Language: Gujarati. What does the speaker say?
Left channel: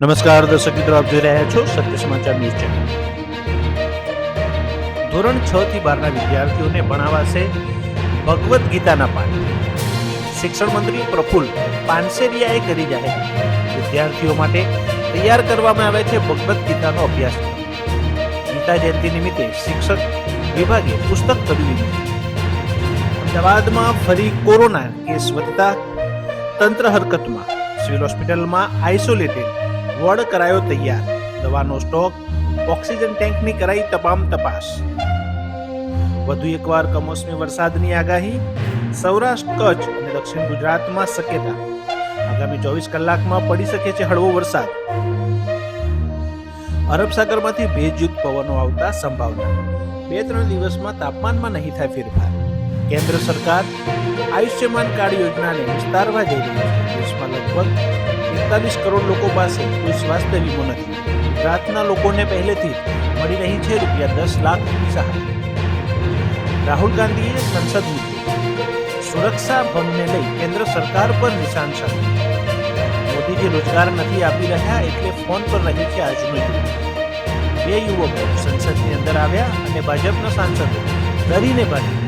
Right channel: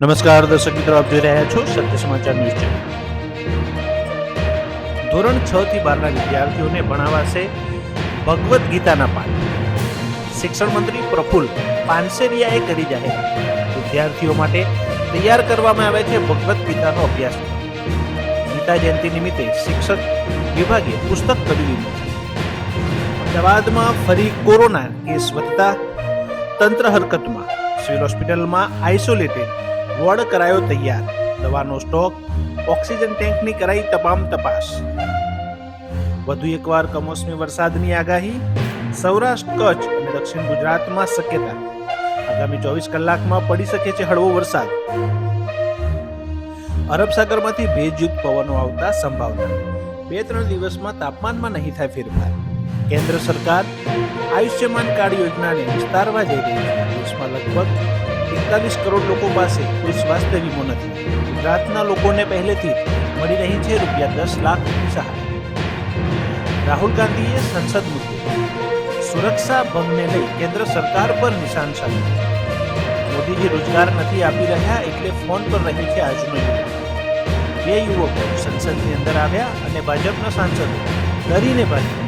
નમસ્કાર દર્શક મિત્રો, આપ જોઈ રહ્યા છો સત્ય સમાચાર ન્યૂઝ ચેનલ. ધોરણ 6 થી 12ના વિદ્યાર્થીઓને ભણાવાશે ભગવદ્ ગીતાના પાઠ. શિક્ષણ મંત્રી પ્રફુલ્લ પાનસેરિયાએ કરી જાહેરાત. વિદ્યાર્થીઓ માટે તૈયાર કરવામાં આવે છે ભગવદ્ ગીતાનો અભ્યાસક્રમ. ગીતા જયંતિ નિમિત્તે શિક્ષક વિભાગે પુસ્તક ખરીદ્યું. અમદાવાદમાં ફરી કોરોના કેસ વધતા તંત્ર હરકતમાં. સિવિલ હોસ્પિટલમાં આઇસોલેટેડ વોર્ડ કરાયો તૈયાર. દવાનો સ્ટોક, ઓક્સિજન ટેન્કની કરાઈ તમામ તપાસ. વધુ એકવાર કમોસમી વરસાદની આગાહી. સૌરાષ્ટ્ર, કચ્છ અને દક્ષિણ ગુજરાતમાં શક્યતા. આગામી 24 કલાકમાં પડી શકે છે હળવો વરસાદ. અરબ સાગરમાંથી ભેજયુક્ત પવનો આવતા સંભાવના. 2-3 દિવસમાં તાપમાનમાં નહીં થાય ફેરફાર. કેન્દ્ર સરકાર આયુષ્યમાન કાર્ડ યોજનાને વિસ્તારવા જઈ રહી છે. દેશમાં લગભગ 41 કરોડ લોકો પાસે કોઈ સ્વાસ્થ્ય વીમો નથી. ગુજરાતના લોકોને પહેલેથી જ મળી રહી છે ₹10 લાખની સહાય. રાહુલ ગાંધીએ સંસદ મુદ્દે સુરક્ષા ભંગને લઈ કેન્દ્ર સરકાર પર નિશાન સાધ્યું. મોદીજી રોજગાર નથી આપી રહ્યા એટલે ફોન પર રહે છે આજનો યુવક. 2 યુવકો સંસદની અંદર આવ્યા અને ભાજપના સાંસદો ડરીને ભાગ્યા.